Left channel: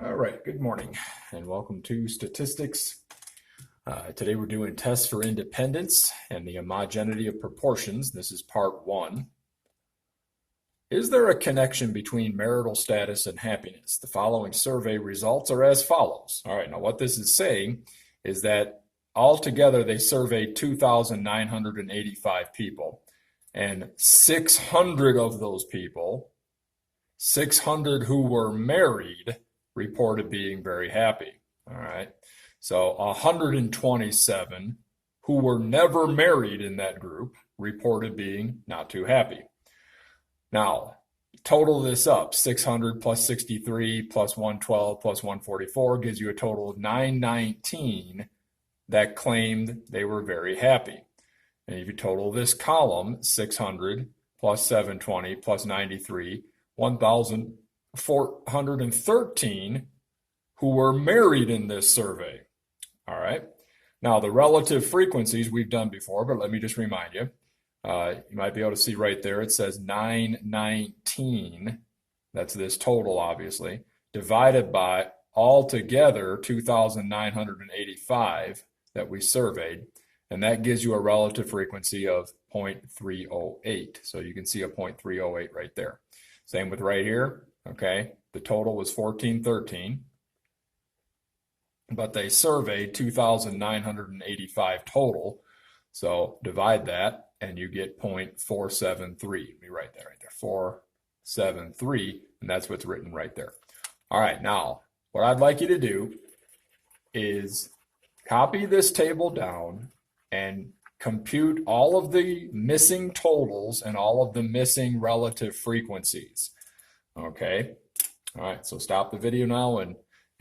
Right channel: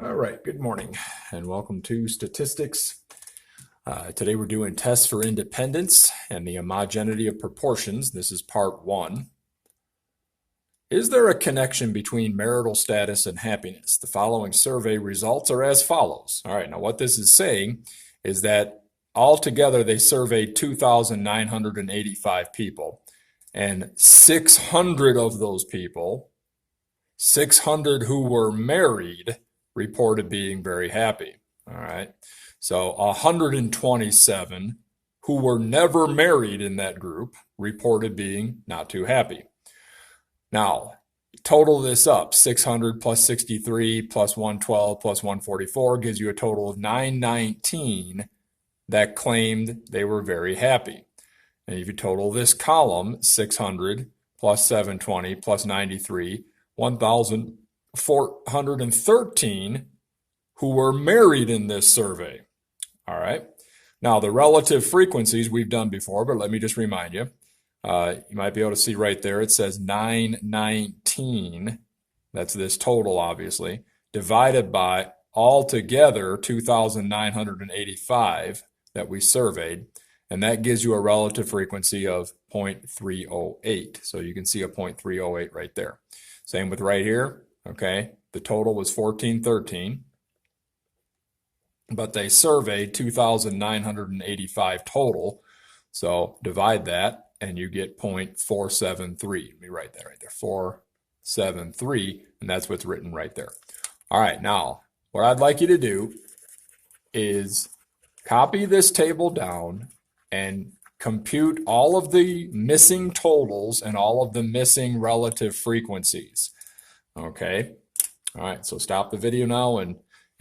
All right, good morning and welcome to Statistics. Today we're doing tests for independence and the homogeneity of proportions. This is part one. Is there a connection between marital status and happiness? The following survey results are as follows. All right, now what this is saying is that altogether they surveyed 2,985 people, and 600 of those people, 600 who were married, reported being very happy. All right. So 127 who were never married in that group reported being not too happy. Now, total this up, 600 plus 63 plus 112 plus 144 gives you a total of 919 that claimed they were very happy. And if you total this column, 600 plus 720 plus 93, 1,413 who were married in this survey. All right. Now, the relative frequencies we've done before, but let me just remind you. You might be able to see right there, it says 919. That's this total, obviously, divided by altogether 2,985 that we surveyed. And that gives you a relative frequency of 0.308. So you can see a 0.308 right there. Same with right here, okay? The total was 1413, but they surveyed 2,985 total. So divide that and you get 0.473. Let me write that right there, 473, and that's what's written right there. All right, now what I'd like you to do is copy this table down and compute all of the missing totals and all of the missing relative frequencies. Okay. All right. So stop the video now and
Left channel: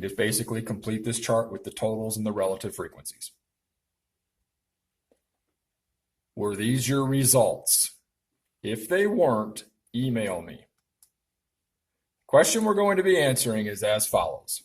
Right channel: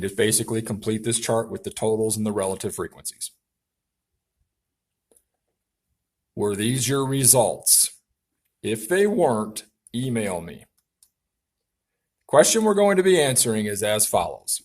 just basically complete this chart with the totals and the relative frequencies. Were these your results? If they weren't, email me. Question we're going to be answering is as follows.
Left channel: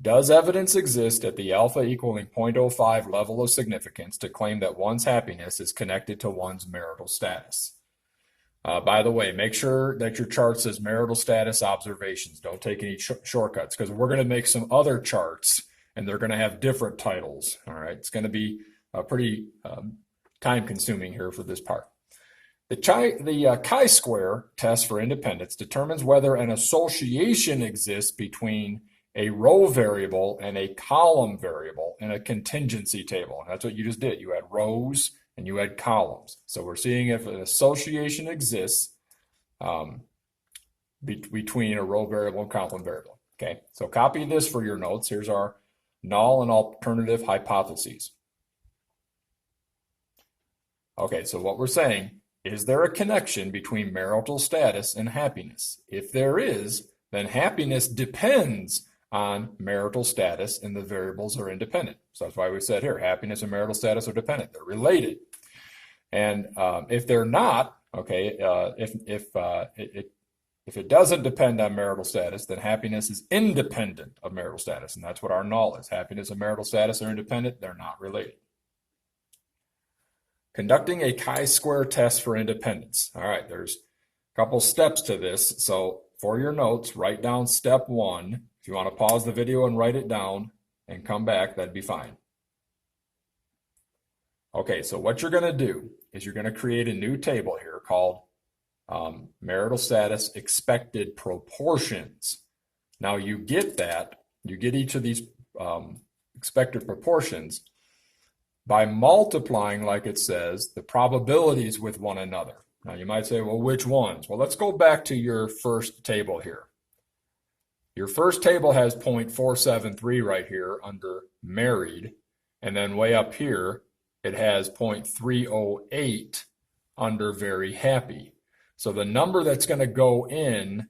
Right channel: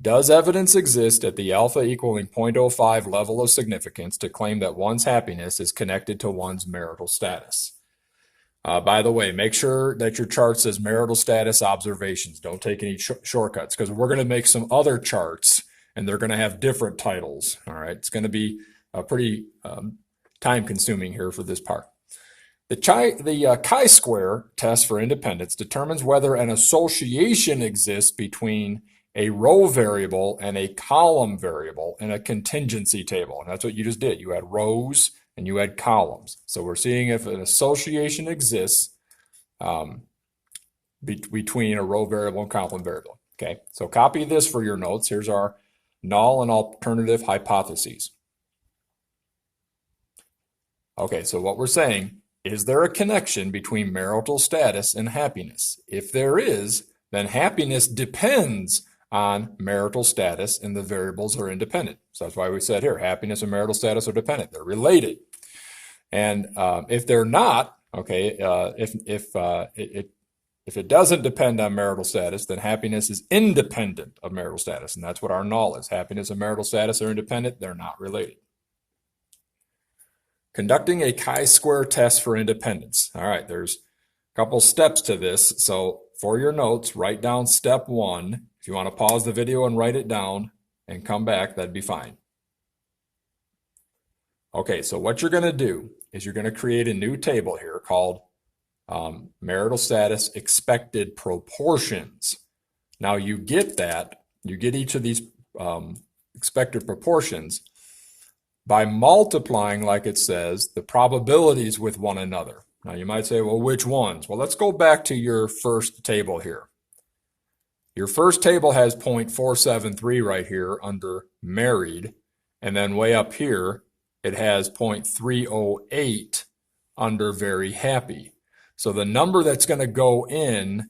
Does evidence exist at the alpha equaling 0.05 level of significance to claim that one's happiness is connected to one's marital status? By the way, make sure that your chart says marital status observations. Don't take any shortcuts because we're going to make some other charts and they're going to have different titles. All right, it's going to be pretty time consuming here for this part. The chi-square test for independence determines whether an association exists between a row variable and a column variable in a contingency table. And that's what you just did. You had rows and you had columns. So we're seeing if an association exists between a row variable and column variable. Okay, so copy this for your notes. Here's our null and alternative hypotheses. Okay, so what we're saying, is there a connection between marital status and happiness? If there is, then happiness depends on marital status, and the variables are independent. So that's why we said here, happiness and marital status are dependent. They're related. And if they're not, okay, if it doesn't depend on marital status, then happiness is independent of marital status. And that's what our null is. Happiness and marital status are independent. They're not related. Conducting a chi-square test for independence. All right, there's a couple steps to this. So for your notes, write down step one. If you want to pause the video and write it down and come back, that'd be fine. Okay, so what you're going to do is you're going to create a new table here called marital status expected proportions. Now you get each of these expected proportions by multiplying, like it says, the probabilities with one another. Now you might say, well, which ones? Well, let's go back to your first table here. Your first table has 0.473 right here under married, and then way up here, it has 0.308 under very happy. So the number that's going to go in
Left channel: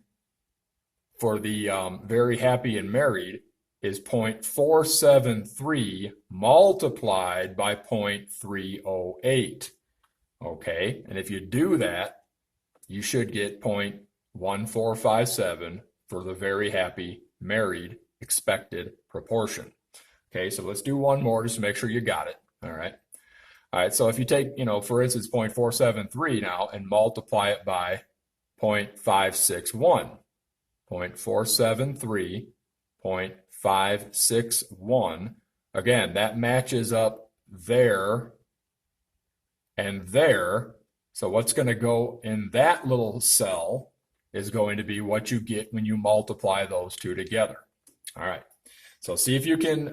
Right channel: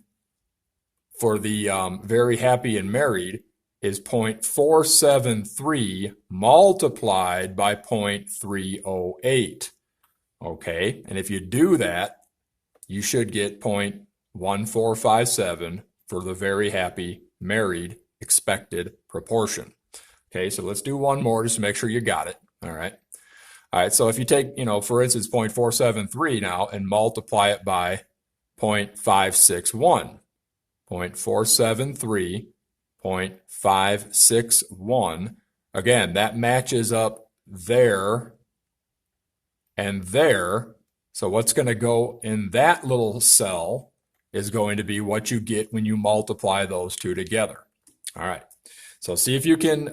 for the very happy and married is 0.473 multiplied by 0.308. Okay, and if you do that, you should get 0.1457 for the very happy married expected proportion. Okay, so let's do one more just to make sure you got it. All right. All right, so if you take, for instance, 0.473 now and multiply it by 0.561, 0.473 0.561. Again, that matches up there and there. So what's going to go in that little cell is going to be what you get when you multiply those two together. All right. So see if you can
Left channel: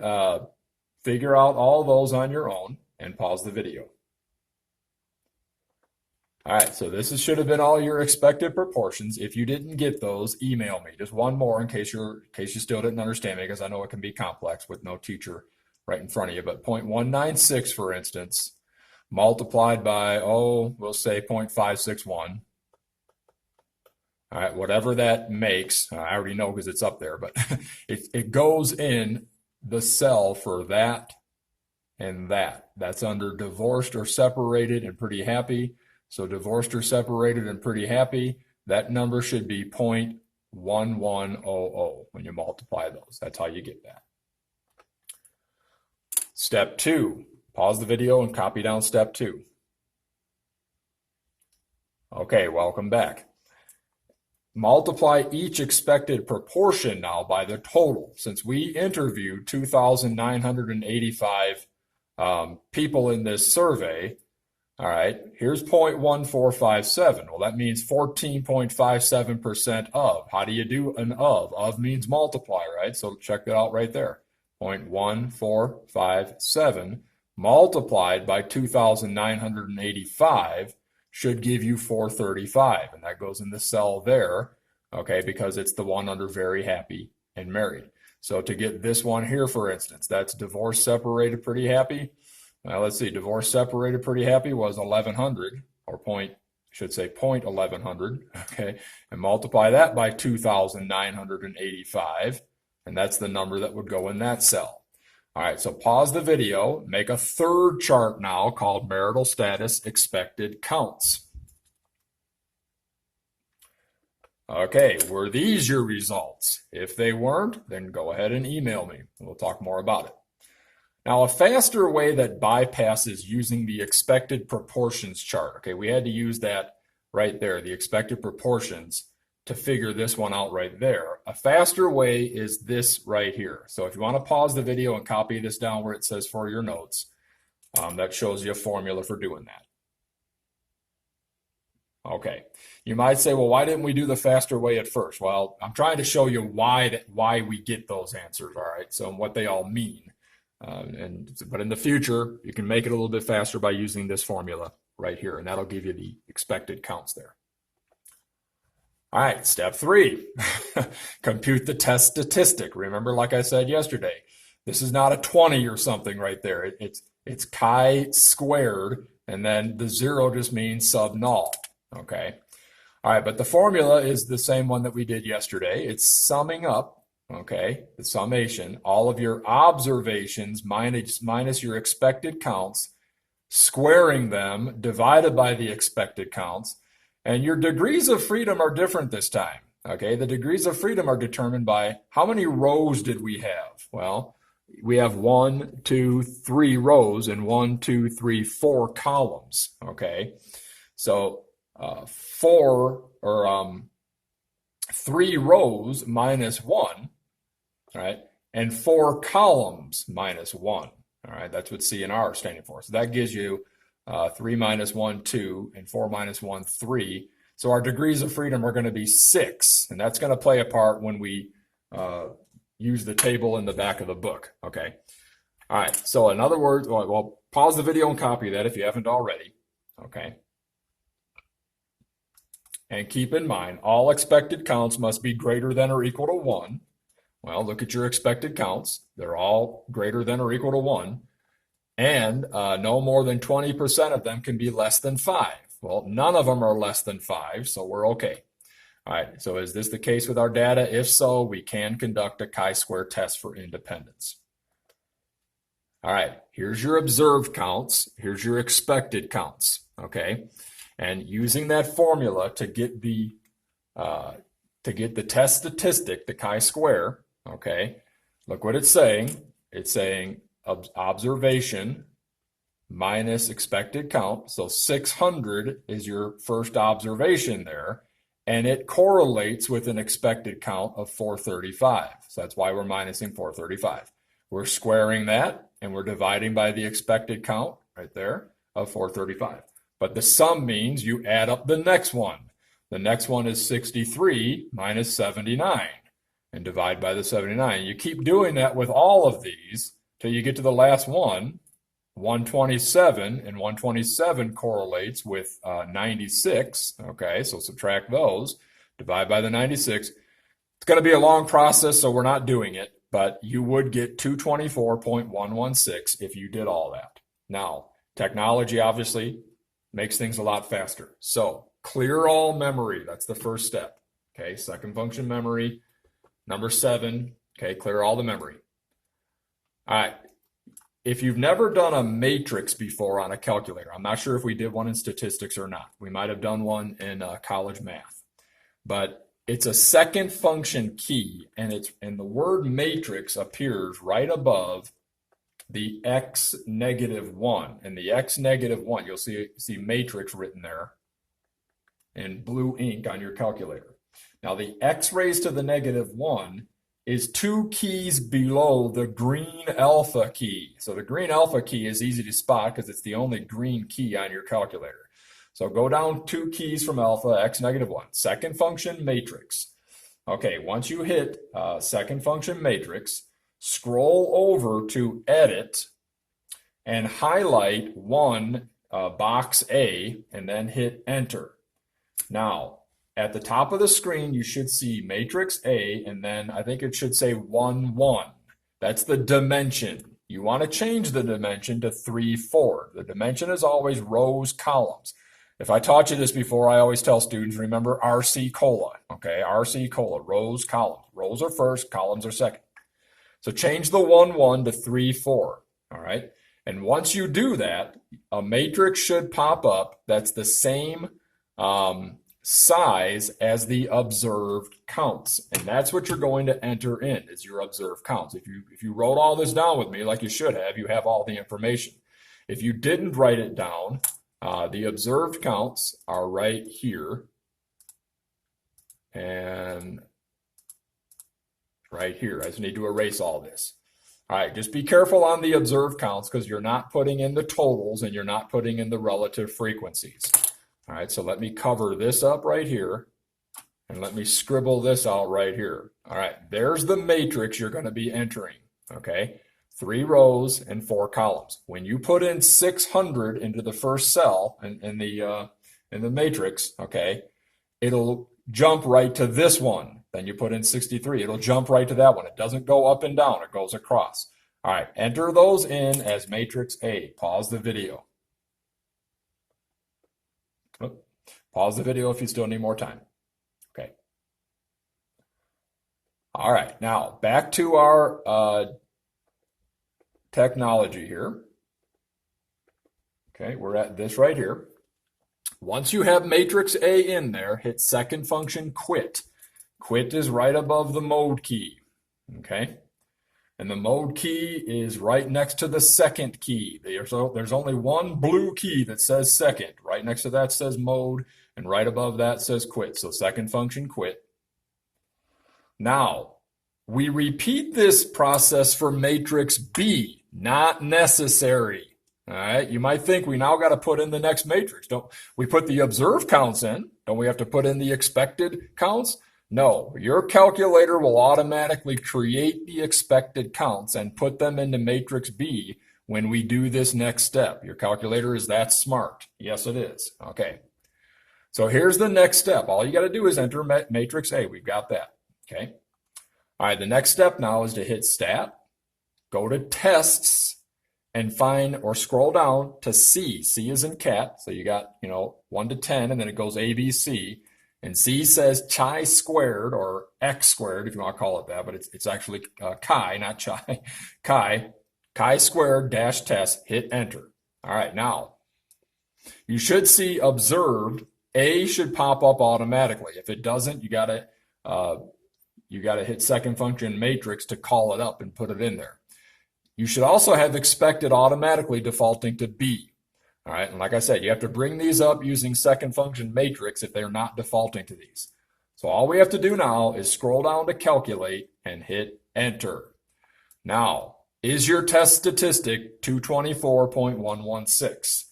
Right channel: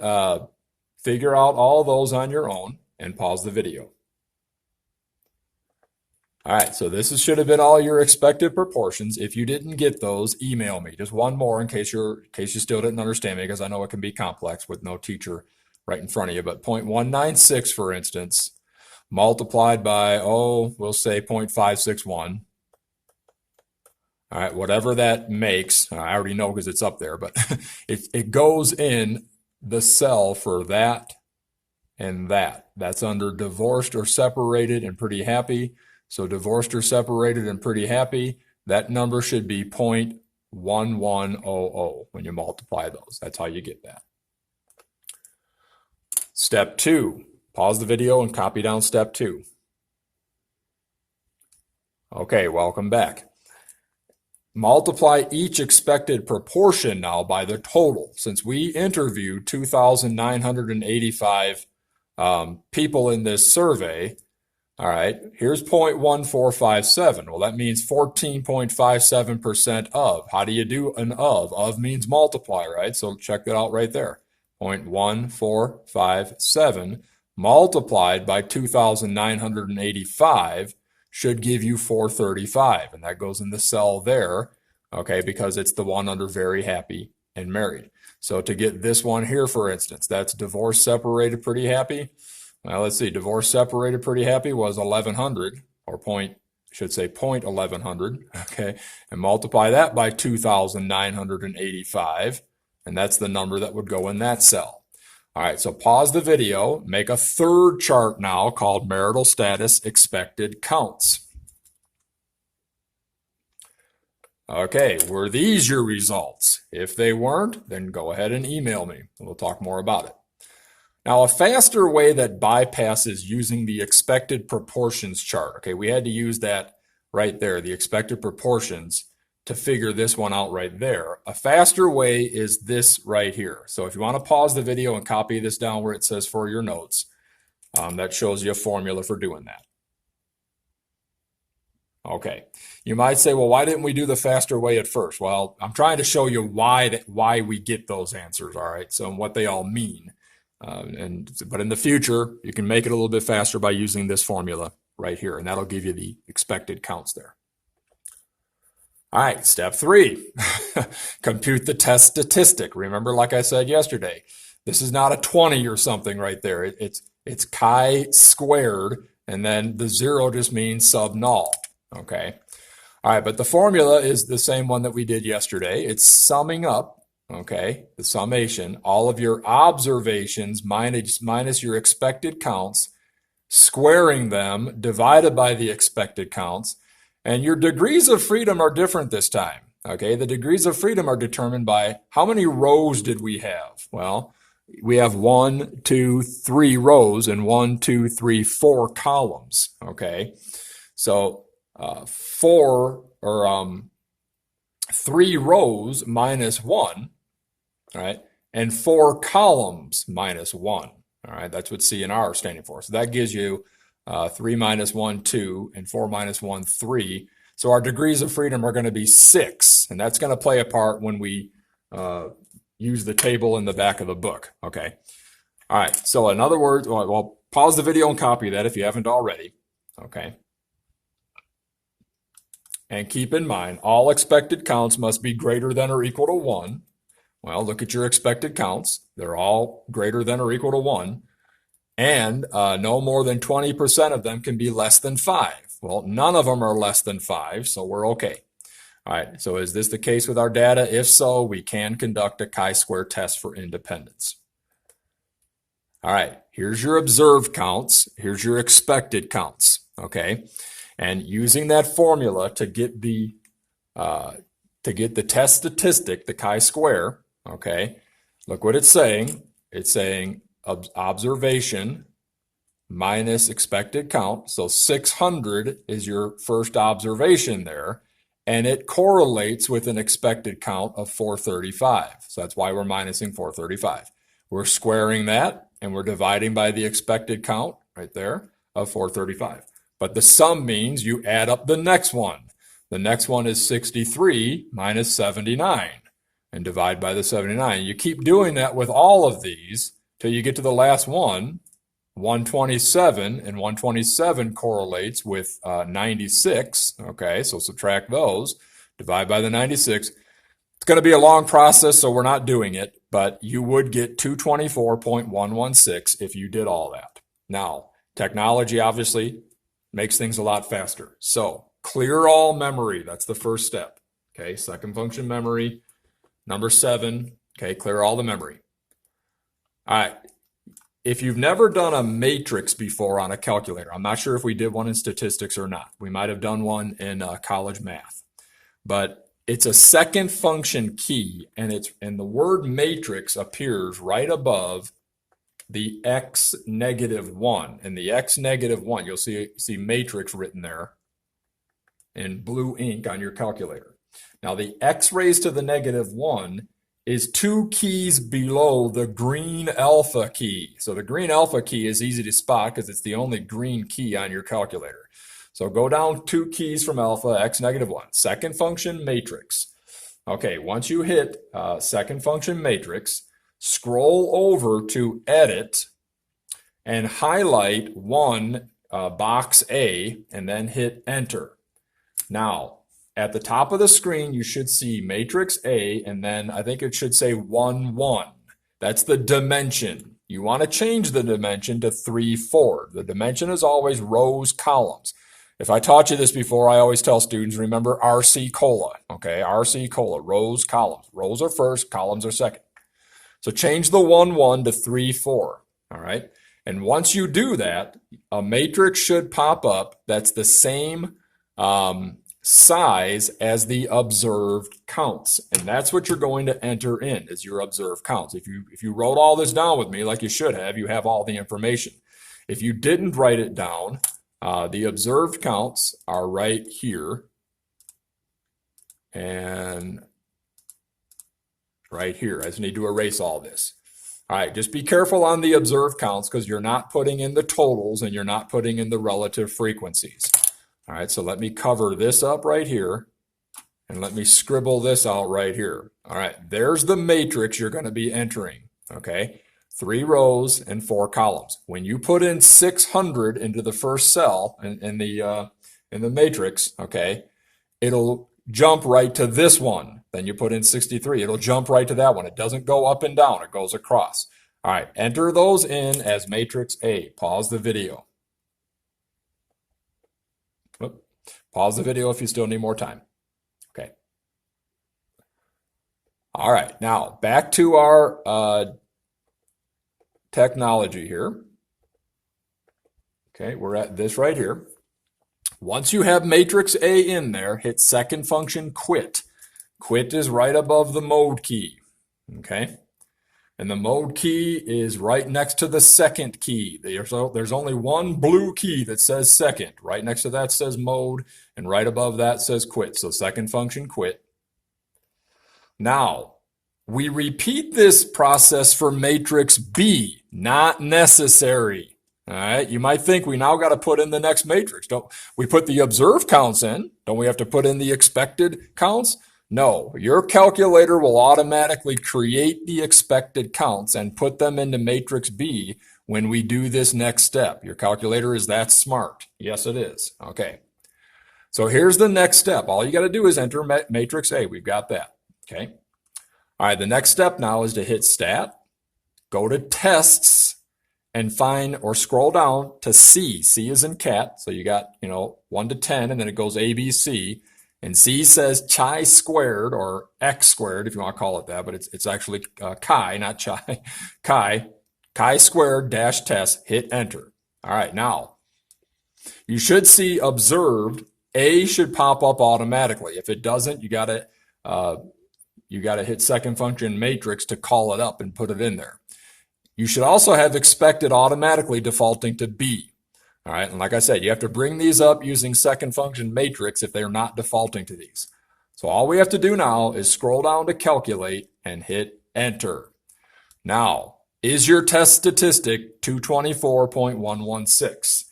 figure out all those on your own and pause the video. All right, so this should have been all your expected proportions. If you didn't get those, email me. Just one more in case you still didn't understand me, because I know it can be complex with no teacher right in front of you. But 0.196, for instance, multiplied by, we'll say 0.561. All right, whatever that makes, I already know because it's up there, but it goes in the cell for that and that. That's under divorced or separated and pretty happy. So divorced or separated and pretty happy, that number should be 0.1100 when you multiply those. That's how you get that. Step 2, pause the video and copy down step 2. Okay, welcome back. Multiply each expected proportion now by the total. Since we interviewed 2,985 people in this survey, all right, here's 0.1457. Well, that means 14.57% of. How do you do an of? Of means multiply, right? So check that out right there. 0.1457 multiplied by 2,985 should give you 435. And that goes in the cell there, okay, because it's the one under very happy and married. So to get this one here, for instance, that's divorced, separated, pretty happy. Well, let's see, divorce separated pretty happy was 1100, or should say 0.1100, okay, and multiply that by 2,985, and that's the number that would go in that cell. All right, so pause the video, make a third chart now called marital status expected counts. Okay, were these your results? If they weren't, then go ahead and email me, and we'll talk more about it. Now, a faster way that bypasses using the expected proportions chart, okay, we had to use that right there, the expected proportions, to figure this one out right there. A faster way is this right here. So if you want to pause the video and copy this down where it says for your notes, that shows you a formula for doing that. Okay, you might say, well, why didn't we do the faster way at first? Well, I'm trying to show you why we get those answers, all right, so what they all mean. But in the future, you can make it a little bit faster by using this formula right here, and that'll give you the expected counts there. All right, step 3, compute the test statistic. Remember, like I said yesterday, this is not a 20 or something right there. It's chi-squared, and then the 0 just means sub-null, okay? All right, but the formula is the same one that we did yesterday. It's summing up, okay, the summation, all of your observations minus your expected counts, squaring them, divided by the expected counts, and your degrees of freedom are different this time, okay? The degrees of freedom are determined by how many rows did we have? Well, we have 1, 2, 3 rows and 1, 2, 3, 4 columns, okay? So 3 rows minus 1, all right, and 4 columns minus 1, all right, that's what C and R are standing for. So that gives you 3 minus 1, 2, and 4 minus 1, 3. So our degrees of freedom are going to be 6, and that's going to play a part when we use the table in the back of the book, okay? All right, so in other words, well, pause the video and copy that if you haven't already, okay? And keep in mind, all expected counts must be greater than or equal to 1. Well, look at your expected counts. They're all greater than or equal to 1. And no more than 20% of them can be less than 5. Well, none of them are less than 5, so we're okay. All right, so is this the case with our data? If so, we can conduct a chi-square test for independence. All right, here's your observed counts. Here's your expected counts, okay? And using that formula to get the test statistic, the chi-square, okay, look what it's saying. It's saying observation minus expected count. So 600 is your first observation there. and it correlates with an expected count of 435. So that's why we're minusing 435. We're squaring that, and we're dividing by the expected count right there of 435. But the sum means you add up the next one. The next one is 63 minus 79, and divide by the 79. You keep doing that with all of these till you get to the last one, 127, and 127 correlates with 96. Okay, so subtract those, divide by the 96. It's going to be a long process, so we're not doing it, but you would get 224.116 if you did all that. Now, technology obviously makes things a lot faster. So clear all memory. That's the first step. Okay, second function memory. Number 7, okay, clear all the memory. All right. If you've never done a matrix before on a calculator, I'm not sure if we did one in statistics or not. We might have done one in college math. But it's a second function key, and the word matrix appears right above the x negative 1. And the x negative 1, you'll see matrix written there in blue ink on your calculator. Now the x raised to the negative 1 is 2 keys below the green alpha key. So the green alpha key is easy to spot because it's the only green key on your calculator. So go down 2 keys from alpha, x negative 1, second function matrix. Okay, once you hit second function matrix, scroll over to edit and highlight box A, and then hit enter. Now, at the top of the screen, you should see matrix A, and then I think it should say 1, 1. That's the dimension. You want to change the dimension to 3, 4. The dimension is always rows, columns. If I taught you this before, I always tell students, remember RC Cola, okay? RC Cola, rows, columns. Rows are first, columns are second. So change the 1, 1 to 3, 4, all right? And once you do that, a matrix should pop up that's the same size as the observed counts. And that's what you're going to enter in, is your observed counts. If you wrote all this down with me like you should have, you have all the information. If you didn't write it down, the observed counts are right here and right here. I just need to erase all this. All right, just be careful on the observed counts because you're not putting in the totals and you're not putting in the relative frequencies. All right, so let me cover this up right here and let me scribble this out right here. All right, there's the matrix you're going to be entering, okay? 3 rows and 4 columns. When you put in 600 into the first cell in the matrix, okay, it'll jump right to this one. Then you put in 63. It'll jump right to that one. It doesn't go up and down. It goes across. All right, enter those in as matrix A. Pause the video. Pause the video if you still need more time. Okay. All right, now back to our technology here. Okay, we're at this right here. Once you have matrix A in there, hit second function quit. Quit is right above the mode key, okay? And the mode key is right next to the second key. There's only one blue key that says second. Right next to that says mode, and right above that says quit. So second function quit. Now, we repeat this process for matrix B, not necessary. All right, you might think we now got to put in the next matrix. Don't we put the observed counts in? Don't we have to put in the expected counts? No, your calculator will automatically create the expected counts and put them into matrix B when we do this next step. Your calculator is that smart. Yes, it is. Okay. So here's the next step. All you got to do is enter matrix A. We've got that. Okay. All right, the next step now is to hit Stat, go to Tests, and find or scroll down to C. C is in cat. So you got, 1 to 10, and then it goes A, B, C. And C says chi-squared or x squared, if you want to call it that, but it's actually chi, not chi. Chi-squared dash test, hit enter. All right, now you should see observed. A should pop up automatically. If it doesn't, you gotta hit second function matrix to call it up and put it in there. You should also have expected automatically defaulting to B. All right, and like I said, you have to bring these up using second function matrix if they're not defaulting to these. So all we have to do now is scroll down to calculate and hit enter. Now, is your test statistic 224.116?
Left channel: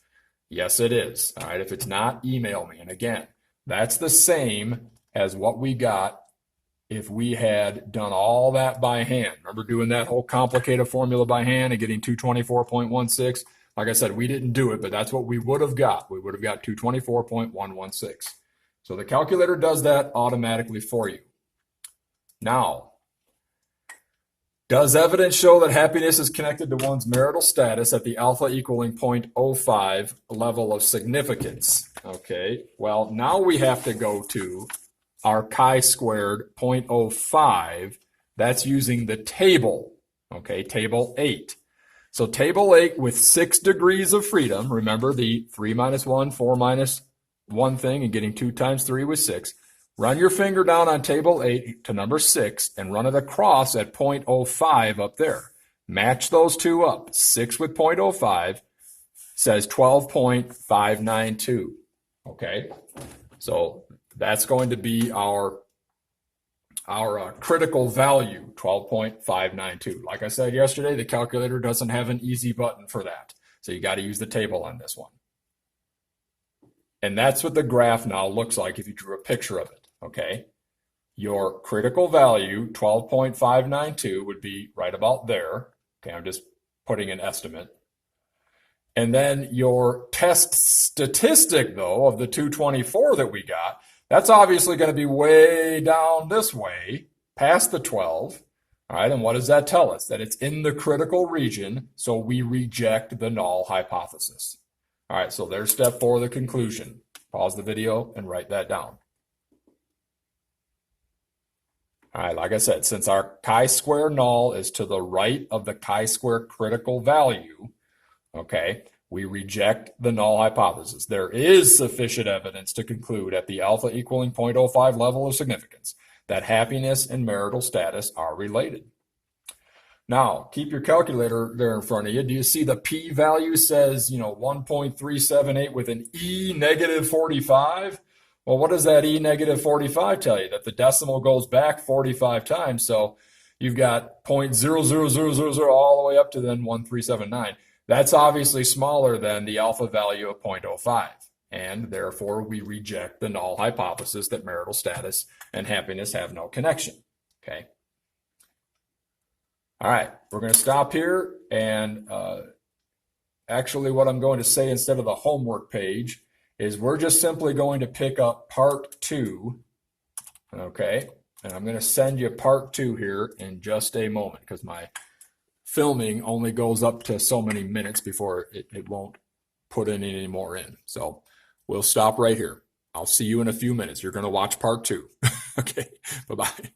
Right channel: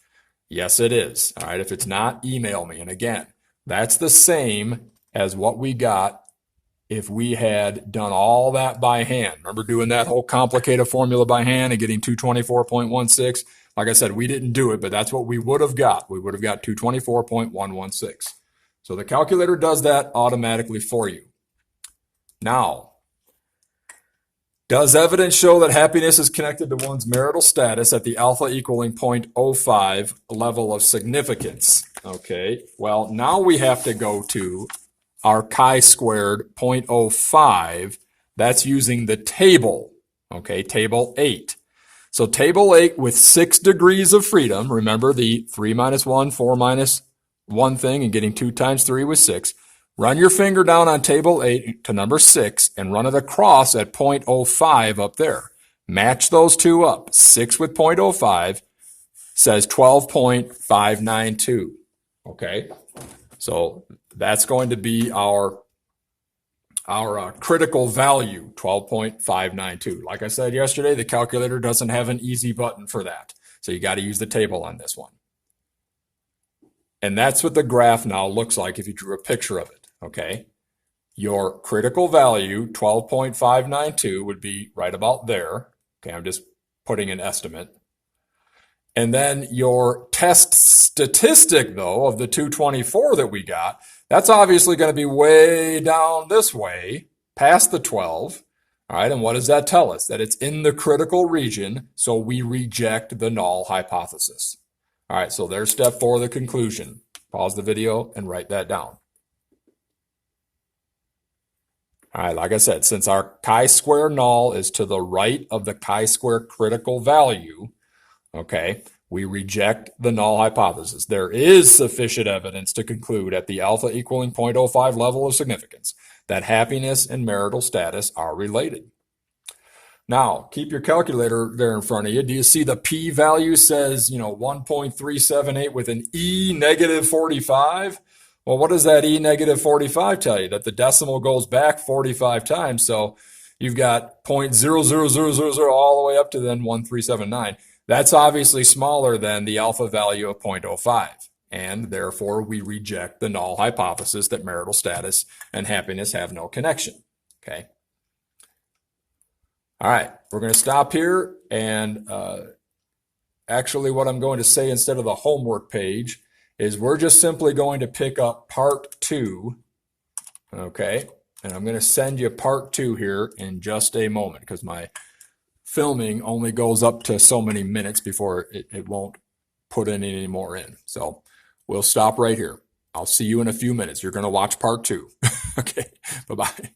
Yes, it is. All right, if it's not, email me. And again, that's the same as what we got if we had done all that by hand. Remember doing that whole complicated formula by hand and getting 224.16? Like I said, we didn't do it, but that's what we would have got. We would have got 224.116. So the calculator does that automatically for you. Now, does evidence show that happiness is connected to one's marital status at the alpha equaling 0.05 level of significance? Okay, well, now we have to go to our chi-squared 0.05. That's using the table, okay, table 8. So table 8 with 6 degrees of freedom, remember the 3 minus 1, 4 minus 1 thing, and getting 2 times 3 was 6. Run your finger down on table 8 to number 6 and run it across at 0.05 up there. Match those two up. 6 with 0.05 says 12.592. Okay, so that's going to be our critical value, 12.592. Like I said yesterday, the calculator doesn't have an easy button for that. So you got to use the table on this one. And that's what the graph now looks like if you drew a picture of it. Okay, your critical value, 12.592, would be right about there. Okay, I'm just putting an estimate. And then your test statistic, though, of the 224 that we got, that's obviously going to be way down this way, past the 12. All right, and what does that tell us? That it's in the critical region, so we reject the null hypothesis. All right, so there's step 4, the conclusion. Pause the video and write that down. All right, like I said, since our chi-square null is to the right of the chi-square critical value, okay, we reject the null hypothesis. There is sufficient evidence to conclude at the alpha equaling 0.05 level of significance that happiness and marital status are related. Now, keep your calculator there in front of you. Do you see the p-value says, 1.378 with an e negative 45? Well, what does that e negative 45 tell you? That the decimal goes back 45 times. So you've got 0.00000 all the way up to then 1379. That's obviously smaller than the alpha value of 0.05. And therefore, we reject the null hypothesis that marital status and happiness have no connection. Okay. All right, we're going to stop here. And actually, what I'm going to say instead of the homework page is we're just simply going to pick up part 2, okay? And I'm going to send you part 2 here in just a moment because my filming only goes up to so many minutes before it won't put any more in. So we'll stop right here. I'll see you in a few minutes. You're going to watch part 2. Okay, bye-bye.